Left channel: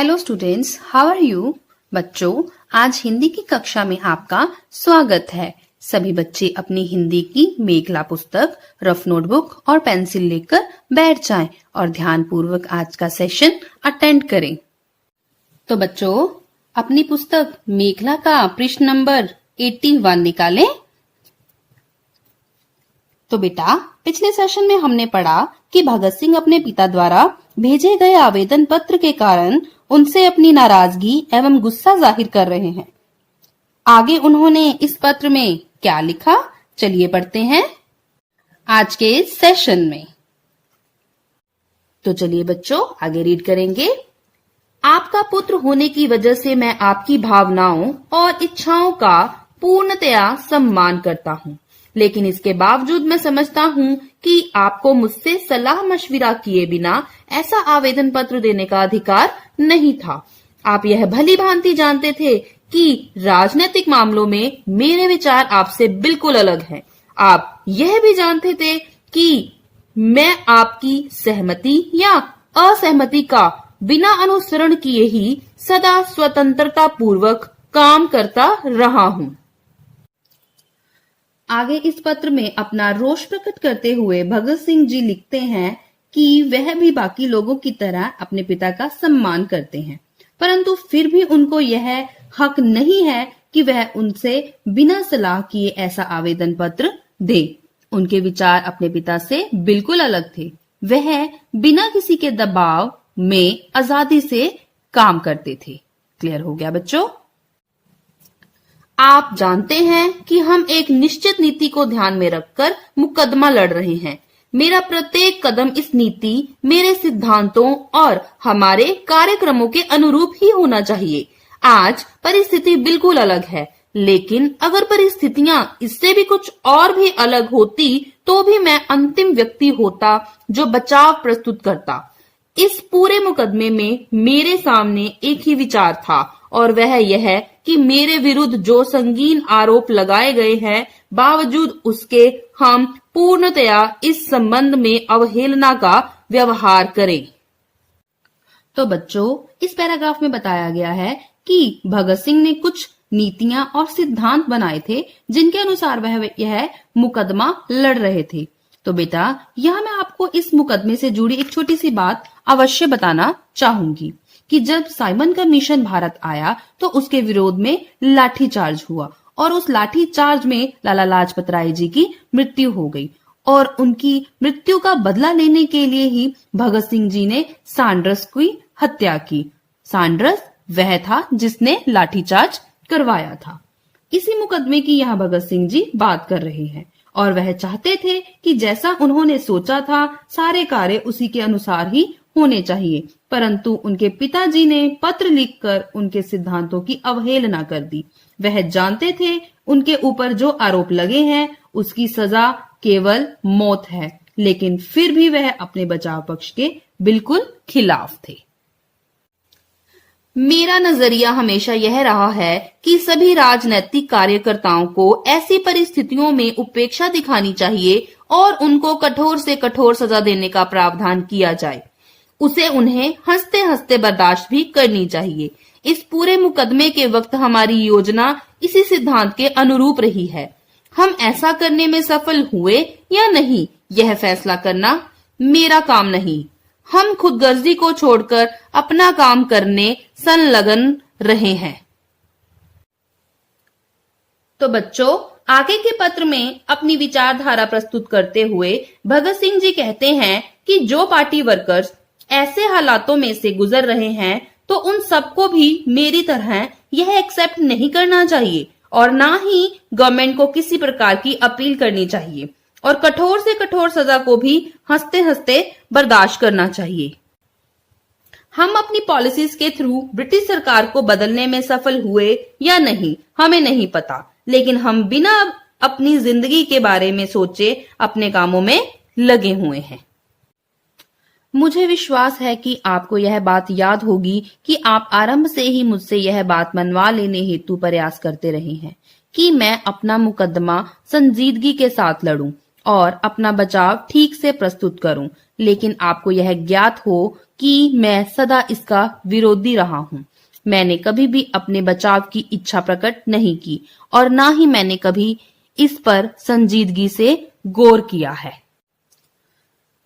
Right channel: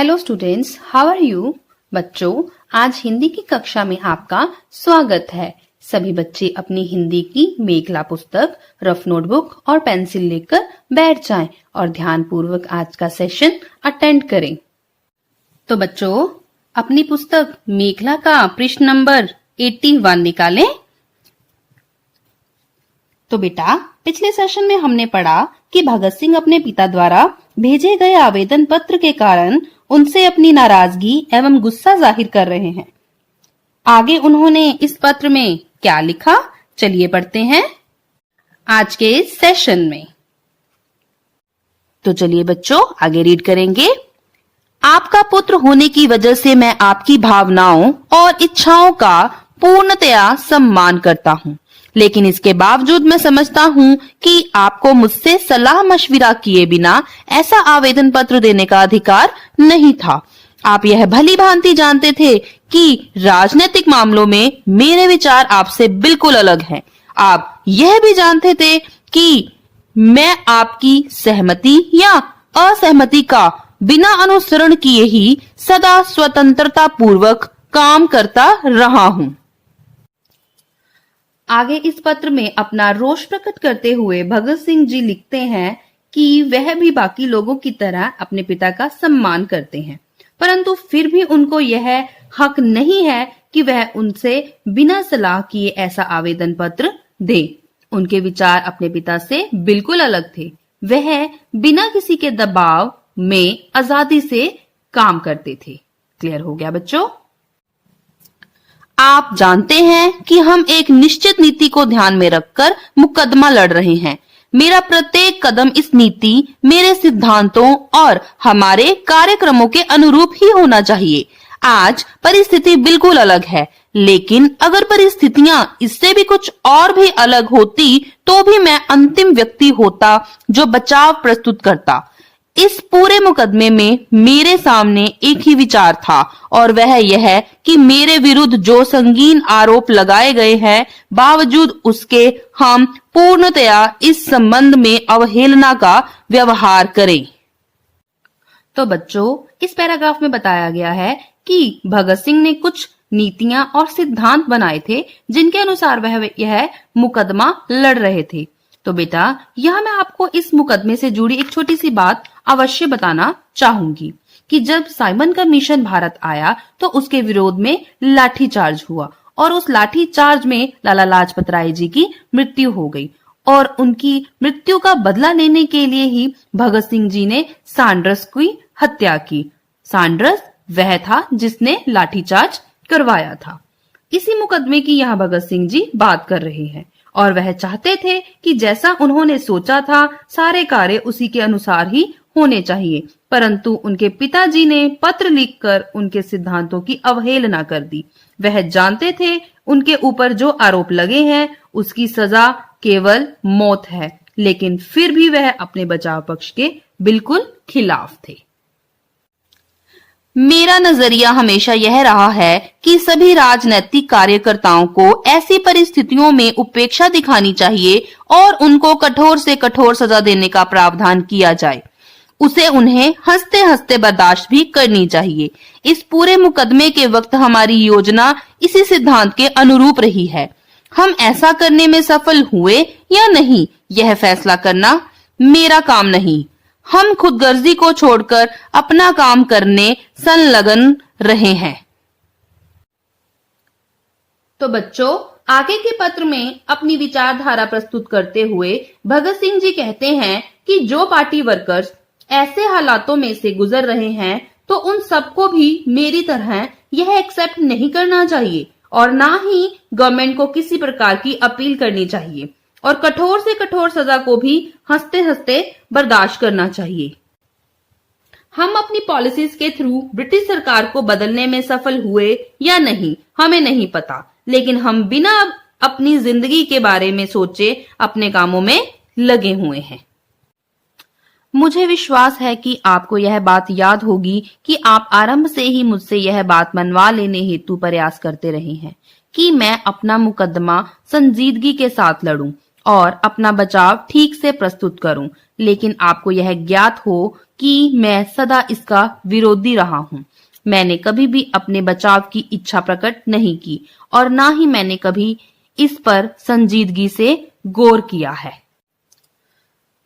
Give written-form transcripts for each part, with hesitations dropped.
Hello students, how are you? बच्चों, आज हिंदी की कक्षा में आपका स्वागत है। सभी बच्चे अपनी हिंदी की मेघला पुस्तक, रफ नोटबुक और पेंसिल लेकर बैठ जाएं और ध्यान पूर्वक आज का सेशन अटेंड करें। तो बच्चों, अपनी पुस्तक मेघला का पृष्ठ नंबर 81 निकालें। तो बेटा, पिछले सेशन में हमने पढ़ा कि भगत सिंह अपने पिता द्वारा भेजे गए आवेदन पत्र के कारण उनसे अपनी नाराजगी एवं गुस्सा जाहिर कर रहे हैं। आगे उन्होंने इस पत्र में क्या लिखा, चलिए पढ़ते हैं आज के सेशन में। तो चलिए बच्चों, आगे रीड करेंगे। आपका पुत्र होने की वजह से मैं आपकी भावनाओं और इच्छाओं का पूर्णतया सम्मान करता हूँ, लेकिन इसके बावजूद मैं समझता हूँ कि आपको मुझसे सलाह मशविरा किए बिना ऐसा आवेदन पत्र देने का अधिकार नहीं था। आप यह भली भांति जानते थे कि राजनीतिक मामलों में मेरे विचार आपसे बिल्कुल अलग हैं। आप यह भी जानते थे कि मैं आपकी सहमति या असहमति का बिना अनुसरण किए ही सदा स्वतंत्रता पूर्वक काम करता रहा हूँ। आगे इस पत्र में अपना रोष प्रकट करते हुए भगत सिंह जी लिखते हैं कि वह भी बाकी लोगों की तरह अपने पिता का सम्मान करते हैं, परंतु फिर भी उनको यह हक नहीं है कि वह उनसे बिना सलाह किए ऐसा आवेदन पत्र दे। उनके विचार अपने पिता से बिल्कुल अलग थे। वह बिना किसी के दबाव में आजादी से काम करते थे। क्लियर हो गया बच्चों? आप जानते हैं कि हम एक निश्चित नीति को ध्यान में रखकर मुकदमा लड़ रहे हैं। मेरा प्रत्येक कदम इस नीति, मेरे सिद्धांतों और हमारे कार्यक्रमों के अनुरूप ही होना चाहिए। आज परिस्थिति बिल्कुल अलग है, लेकिन अगर परिस्थितियां इससे भी कुछ और भी अलग होती तो भी मैं अंतिम व्यक्ति होता जो बचाव प्रस्तुत करता। इस पूरे मुकदमे में मेरे सामने एक ही विचार था और वह यह कि मेरे विरुद्ध जो संगीन आरोप लगाए गए हैं, बावजूद उसके हम पूर्णतया इस संबंध में अवहेलना का व्यवहार करें। तो बच्चों, इस पैराग्राफ में बताया गया है कि भगत सिंह ने कुछ नीतियां और सिद्धांत बनाए थे जिनके अनुसार वह यह मुकदमा लड़ रहे थे। तो बेटा, यह मैं आपको इस मुकदमे से जुड़ी एक छोटी सी बात अवश्य बताना चाहूंगी कि जब साइमन का मिशन भारत आया तो उसके विरोध में लाठीचार्ज हुआ और उस लाठीचार्ज में लाला लाजपत राय जी की मृत्यु हो गई और उनकी मृत्यु का बदला लेने के लिए ही भगत सिंह जी ने सैंडर्स की हत्या की। सैंडर्स वह था जिसने लाठीचार्ज करवाया था। इसी मुकदमे की यहाँ भगत सिंह जी बात कर रहे हैं और वह चाहते थे कि जैसा उन्होंने सोचा था सारे कार्य उसी के अनुसार ही होने चाहिए, परंतु उनके पिताजी ने पत्र लिखकर उनके सिद्धांतों की अवहेलना कर दी। वह जानते थे उनके ऊपर जो आरोप लगे हैं उसकी सजा केवल मौत है, लेकिन फिर भी वह अपने बचाव पक्ष के बिल्कुल खिलाफ थे। मेरा नजरिया हमेशा यह रहा है कि सभी राजनीतिक कार्यकर्ताओं को ऐसी परिस्थितियों में उपेक्षा दिखानी चाहिए और उनको कठोर से कठोर सजा देने का प्रावधान किया जाए। उसे उन्हें हंसते हंसते बर्दाश्त भी करनी चाहिए। इस पूरे मुकदमे के वक्त हमारी योजना इसी सिद्धांत के अनुरूप रही है। हम ऐसा करने में सफल हुए या नहीं, यह फैसला करना मेरा काम नहीं। हम खुदगर्जी को छोड़कर अपना काम करने संलग्न रहे हैं। तो बच्चों, आगे के पत्र में अपनी विचारधारा प्रस्तुत करते हुए भगत सिंह जी कहते हैं कि जो पार्टी वर्कर्स ऐसे हालातों में से गुजर रहे हैं तो उन सबको भी मेरी तरह यह एक्सेप्ट नहीं करना चाहिए और ना ही गवर्नमेंट को किसी प्रकार की अपील करनी चाहिए और कठोर से कठोर सजा को भी हंसते हंसते बर्दाश्त करना चाहिए। हम अपनी पॉलिसीज के थ्रू ब्रिटिश सरकार को बदलने में सफल हुए या नहीं हमें नहीं पता, लेकिन हम बिना अपनी जिंदगी के बारे में सोचे अपने कामों में लगे हुए हैं। मुझे विश्वास है कि आपको यह बात याद होगी कि आप आरंभ से ही मुझसे यह बात मनवा लेने हेतु प्रयास करते रहे हैं कि मैं अपना मुकदमा संजीदगी के साथ लड़ूं और अपना बचाव ठीक से प्रस्तुत करूं, लेकिन आपको यह ज्ञात हो कि मैं सदा इसका विरोधी रहा हूँ। मैंने कभी भी अपने बचाव की इच्छा प्रकट नहीं की और ना ही मैंने कभी इस पर संजीदगी से गौर किया है।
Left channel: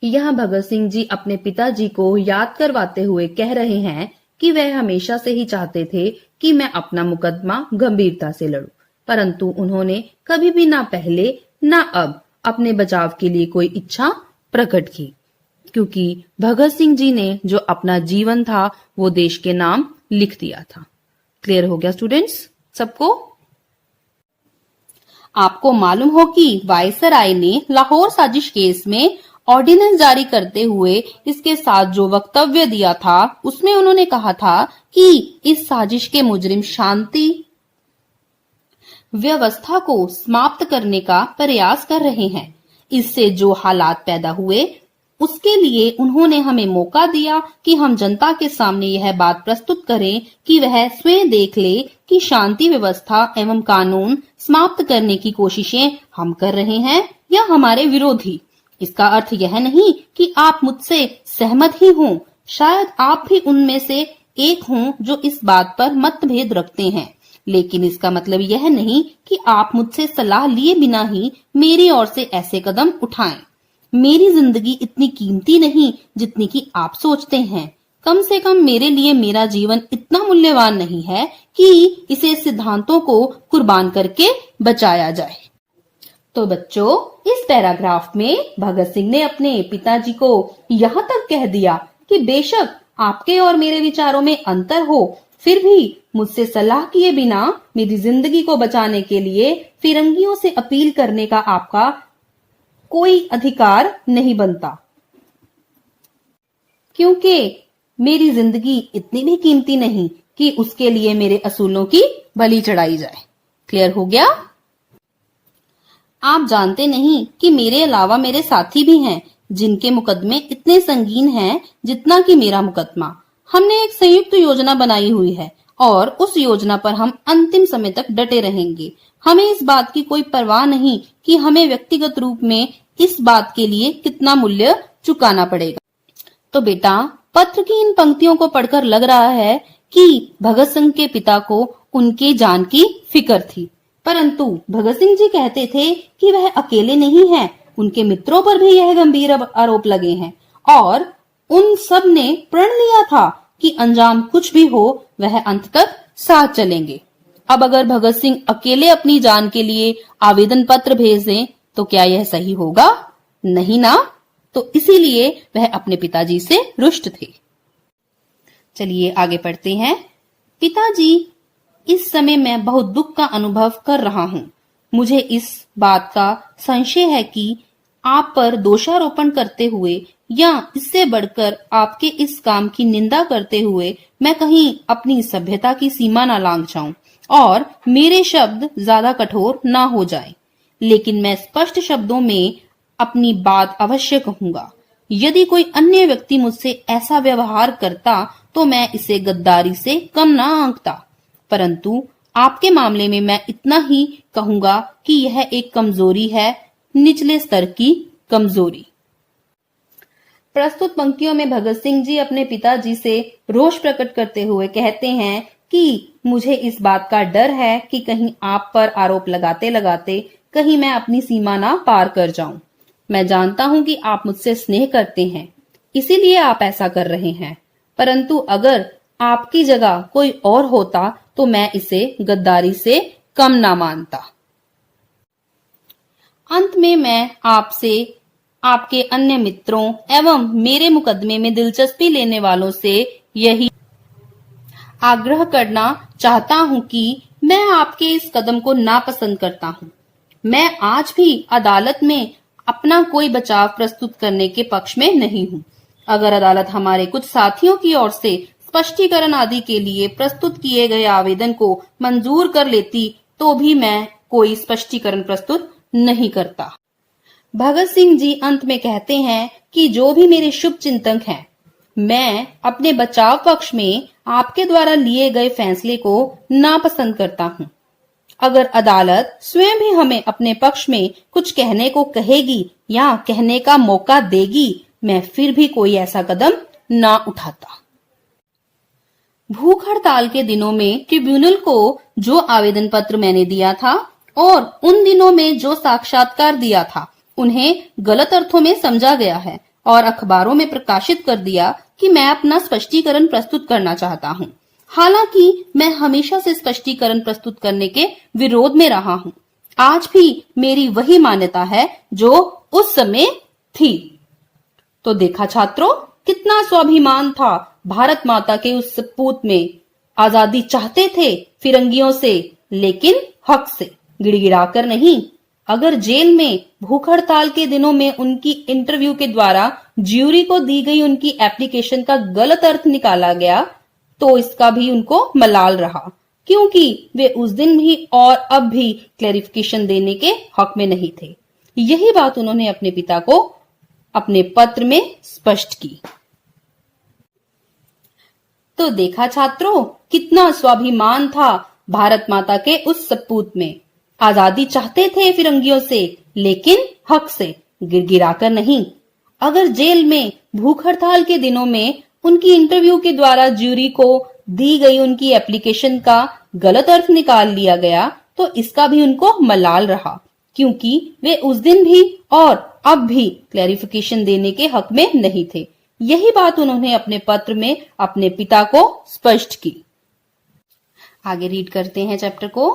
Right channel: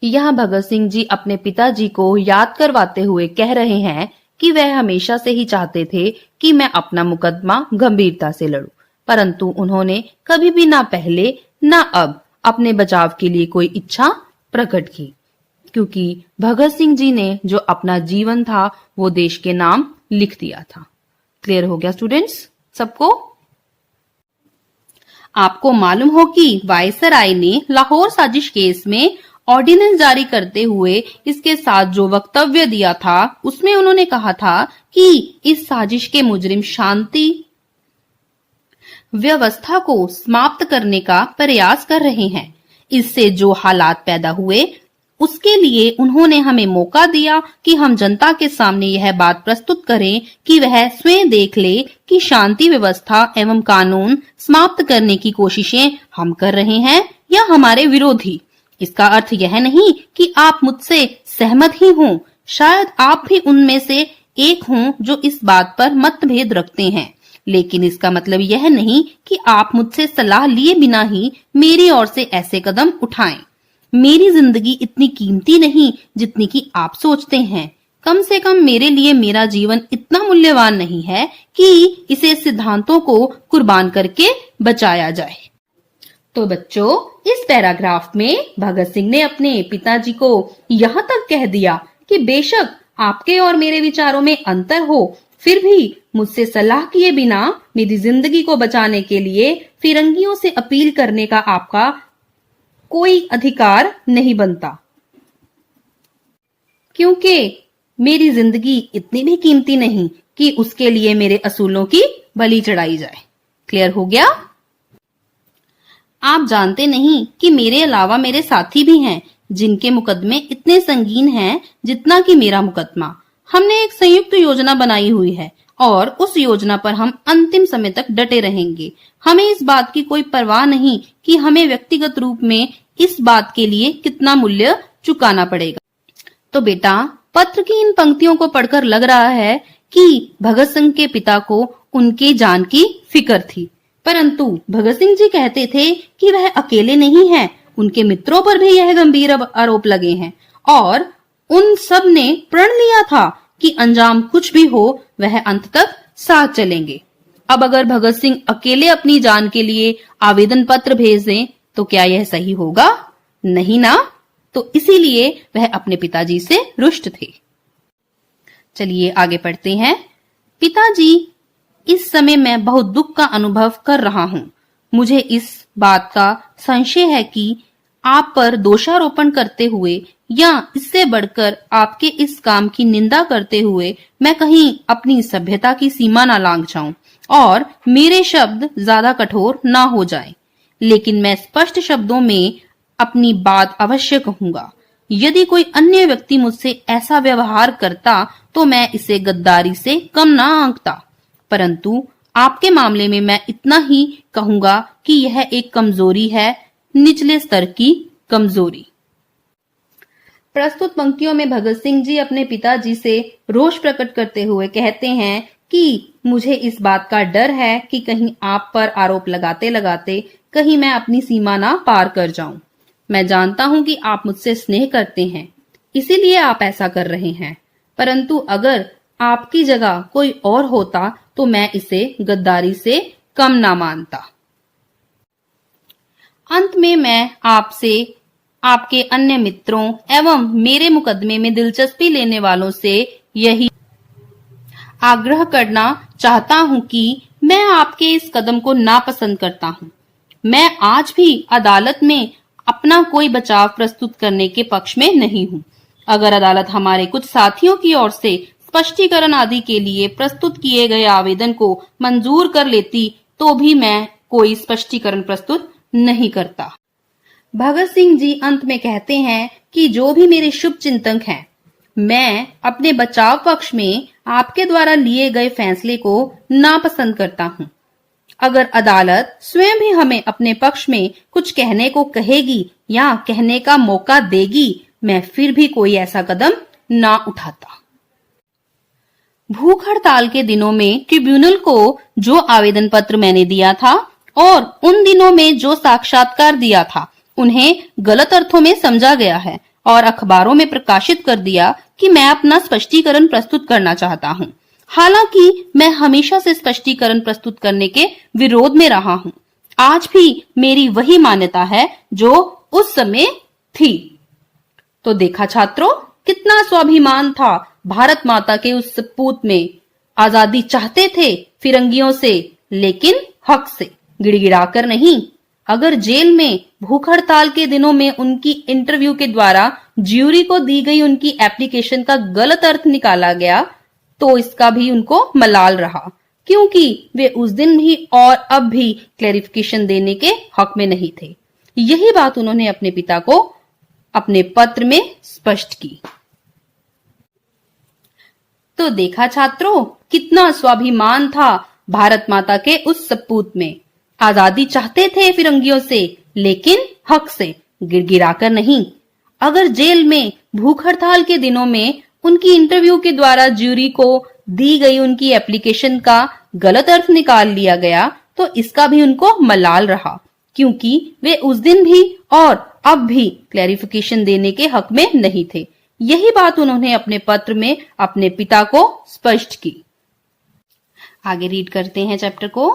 यहाँ भगत सिंह जी अपने पिताजी को याद करवाते हुए कह रहे हैं कि वह हमेशा से ही चाहते थे कि मैं अपना मुकदमा गंभीरता से लड़ूं, परंतु उन्होंने कभी भी ना पहले ना अब अपने बचाव के लिए कोई इच्छा प्रकट की, क्योंकि भगत सिंह जी ने जो अपना जीवन था वो देश के नाम लिख दिया था। क्लियर हो गया स्टूडेंट्स सबको? आपको मालूम हो कि वायसराय ने लाहौर साजिश केस में ऑर्डिनेंस जारी करते हुए इसके साथ जो वक्तव्य दिया था उसमें उन्होंने कहा था कि इस साजिश के मुजरिम शांति व्यवस्था को समाप्त करने का प्रयास कर रहे हैं। इससे जो हालात पैदा हुए उसके लिए उन्होंने हमें मौका दिया कि हम जनता के सामने यह बात प्रस्तुत करें कि वह स्वयं देख ले कि शांति व्यवस्था एवं कानून समाप्त करने की कोशिशें हम कर रहे हैं या हमारे विरोधी। इसका अर्थ यह नहीं कि आप मुझसे सहमत ही हों, शायद आप भी उनमें से एक हों जो इस बात पर मतभेद रखते हैं, लेकिन इसका मतलब यह नहीं कि आप मुझसे सलाह लिए बिना ही मेरी ओर से ऐसे कदम उठाएं। मेरी जिंदगी इतनी कीमती नहीं जितनी कि आप सोचते हैं। कम से कम मेरे लिए मेरा जीवन इतना मूल्यवान नहीं है कि इसे सिद्धांतों को कुर्बान करके बचाया जाए। तो बच्चों, इस पैराग्राफ में भगत सिंह ने अपने पिताजी को यहाँ तक कह दिया कि बेशक आपके और मेरे विचारों में अंतर हो, फिर भी मुझसे सलाह किए बिना मेरी जिंदगी को बचाने के लिए फिरंगियों से अपील करने का आपका कोई अधिकार नहीं बनता, क्योंकि मेरी जिंदगी इतनी भी कीमती नहीं कि उसके लिए मेरे असूलों की बलि चढ़ाई जाए। क्लियर हो गया? आप जानते नहीं कि मेरे अलावा मेरे साथी भी हैं जिनके मुकदमे इतने संगीन हैं जितना कि मेरा मुकदमा। हमने एक संयुक्त योजना बनाई हुई है और उस योजना पर हम अंतिम समय तक डटे रहेंगे। हमें इस बात की कोई परवाह नहीं कि हमें व्यक्तिगत रूप में इस बात के लिए कितना मूल्य चुकाना पड़ेगा। तो बेटा, पत्र की इन पंक्तियों को पढ़कर लग रहा है कि भगत सिंह के पिता को उनकी जान की फिक्र थी, परंतु भगत सिंह जी कहते थे कि वह अकेले नहीं हैं, उनके मित्रों पर भी यह गंभीर आरोप लगे हैं और उन सब ने प्रण लिया था कि अंजाम कुछ भी हो वह अंत तक साथ चलेंगे। अब अगर भगत सिंह अकेले अपनी जान के लिए आवेदन पत्र भेज दें तो क्या यह सही होगा? नहीं ना। तो इसीलिए वह अपने पिताजी से रुष्ट थे। चलिए आगे पढ़ते हैं। पिताजी, इस समय मैं बहुत दुख का अनुभव कर रहा हूँ। मुझे इस बात का संशय है कि आप पर दोषारोपण करते हुए या इससे बढ़कर आपके इस काम की निंदा करते हुए मैं कहीं अपनी सभ्यता की सीमा न लांघ जाऊं और मेरे शब्द ज्यादा कठोर ना हो जाएं। लेकिन मैं स्पष्ट शब्दों में अपनी बात अवश्य कहूंगा। यदि कोई अन्य व्यक्ति मुझसे ऐसा व्यवहार करता तो मैं इसे गद्दारी से कम ना आंकता, परंतु आपके मामले में मैं इतना ही कहूंगा कि यह एक कमजोरी है, निचले स्तर की कमजोरी। प्रस्तुत पंक्तियों में भगत सिंह जी अपने पिताजी से रोष प्रकट करते हुए कहते हैं कि मुझे इस बात का डर है कि कहीं आप पर आरोप लगाते लगाते कहीं मैं अपनी सीमा ना पार कर जाऊं। मैं जानता हूं कि आप मुझसे स्नेह करते हैं, इसीलिए आप ऐसा कर रहे हैं, परंतु अगर आपकी जगह कोई और होता तो मैं इसे गद्दारी से कम ना मानता। अंत में मैं आपसे, आपके अन्य मित्रों एवं मेरे मुकदमे में दिलचस्पी लेने वालों से यही आग्रह करना चाहता हूं कि मैं आपके इस कदम को नापसंद करता हूं। मैं आज भी अदालत में अपना कोई बचाव प्रस्तुत करने के पक्ष में नहीं हूं। अगर अदालत हमारे कुछ साथियों की ओर से स्पष्टीकरण आदि के लिए प्रस्तुत किए गए आवेदन को मंजूर कर लेती तो भी मैं कोई स्पष्टीकरण प्रस्तुत नहीं करता। भगत सिंह जी अंत में कहते हैं कि जो भी मेरे शुभ चिंतक हैं, मैं अपने बचाव पक्ष में आपके द्वारा लिए गए फैसले को नापसंद करता हूं। अगर अदालत स्वयं भी हमें अपने पक्ष में कुछ कहने को कहेगी या कहने का मौका देगी, मैं फिर भी कोई ऐसा कदम ना उठाता। भूख हड़ताल के दिनों में ट्रिब्यूनल को जो आवेदन पत्र मैंने दिया था और उन दिनों में जो साक्षात्कार दिया था, उन्हें गलत अर्थों में समझा गया है और अखबारों में प्रकाशित कर दिया कि मैं अपना स्पष्टीकरण प्रस्तुत करना चाहता हूँ। हालांकि मैं हमेशा से स्पष्टीकरण प्रस्तुत करने के विरोध में रहा हूँ। आज भी मेरी वही मान्यता है जो उस समय थी। तो देखा छात्रों, कितना स्वाभिमान था भारत माता के उस सपूत में। आजादी चाहते थे फिरंगियों से, लेकिन हक से, गिड़गिड़ाकर नहीं। अगर जेल में भूख हड़ताल के दिनों में उनकी इंटरव्यू के द्वारा ज्यूरी को दी गई उनकी एप्लीकेशन का गलत अर्थ निकाला गया, तो इसका भी उनको मलाल रहा, क्योंकि वे उस दिन भी और अब भी क्लैरिफिकेशन देने के हक में नहीं थे। यही बात उन्होंने अपने पिता को अपने पत्र में स्पष्ट की। तो देखा छात्रों, कितना स्वाभिमान था भारत माता के उस सपूत में। आजादी चाहते थे फिरंगियों से, लेकिन हक से, गिड़गिड़ाकर नहीं। अगर जेल में भूख हड़ताल के दिनों में उनकी इंटरव्यू के द्वारा ज्यूरी को दी गई उनकी एप्लीकेशन का गलत अर्थ निकाल लिया गया, तो इसका भी उनको मलाल रहा, क्योंकि वे उस दिन भी और अब भी क्लैरिफिकेशन देने के हक में नहीं थे। यही बात उन्होंने अपने पत्र में अपने पिता को स्पष्ट की। आगे रीड करते हैं चैप्टर को।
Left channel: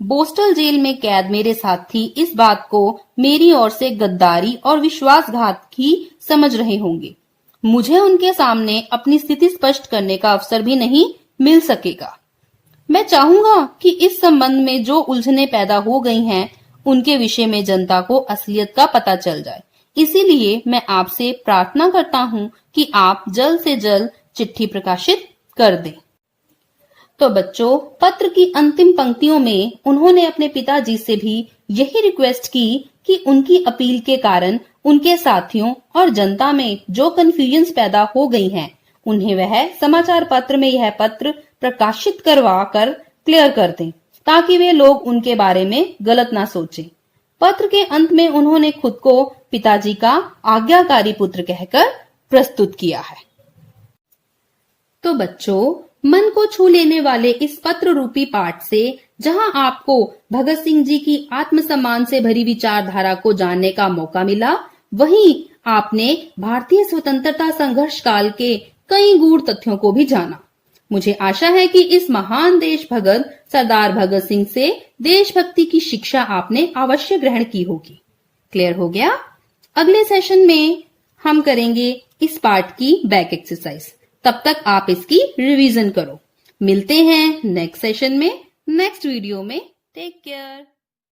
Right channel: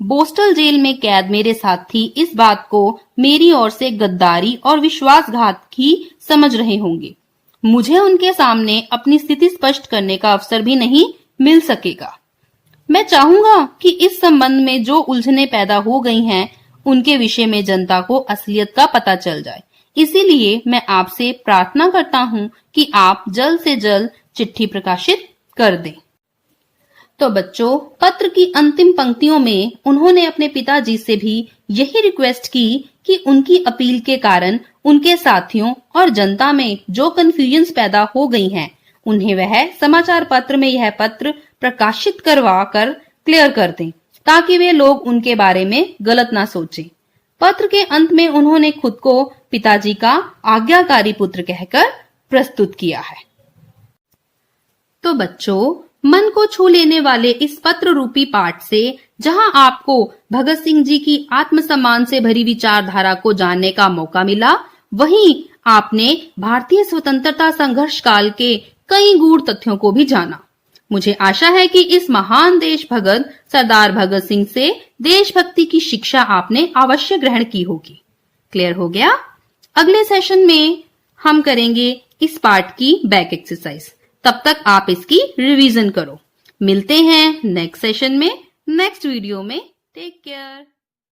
बोस्टल जेल में कैद मेरे साथी इस बात को मेरी ओर से गद्दारी और विश्वासघात ही समझ रहे होंगे। मुझे उनके सामने अपनी स्थिति स्पष्ट करने का अवसर भी नहीं मिल सकेगा। मैं चाहूंगा कि इस संबंध में जो उलझने पैदा हो गई हैं, उनके विषय में जनता को असलियत का पता चल जाए। इसीलिए मैं आपसे प्रार्थना करता हूं कि आप जल्द से जल्द चिट्ठी प्रकाशित कर दें। तो बच्चों, पत्र की अंतिम पंक्तियों में उन्होंने अपने पिताजी से भी यही रिक्वेस्ट की कि उनकी अपील के कारण उनके साथियों और जनता में जो कंफ्यूजन्स पैदा हो गई हैं, उन्हें वह समाचार पत्र में यह पत्र प्रकाशित करवा कर क्लियर कर दें, ताकि वे लोग उनके बारे में गलत ना सोचें। पत्र के अंत में उन्होंने खुद को पिताजी का आज्ञाकारी पुत्र कहकर प्रस्तुत किया है। तो बच्चों, मन को छू लेने वाले इस पत्र रूपी पाठ से जहां आपको भगत सिंह जी की आत्मसम्मान से भरी विचारधारा को जानने का मौका मिला, वहीं आपने भारतीय स्वतंत्रता संघर्ष काल के कई गूढ़ तथ्यों को भी जाना। मुझे आशा है कि इस महान देश भगत सरदार भगत सिंह से देशभक्ति की शिक्षा आपने अवश्य ग्रहण की होगी। क्लियर हो गया? अगले सेशन में हम करेंगे इस पार्ट की बैक एक्सरसाइज। तब तक आप इसकी रिवीजन करो। मिलते हैं नेक्स्ट सेशन में, नेक्स्ट वीडियो में। Take care.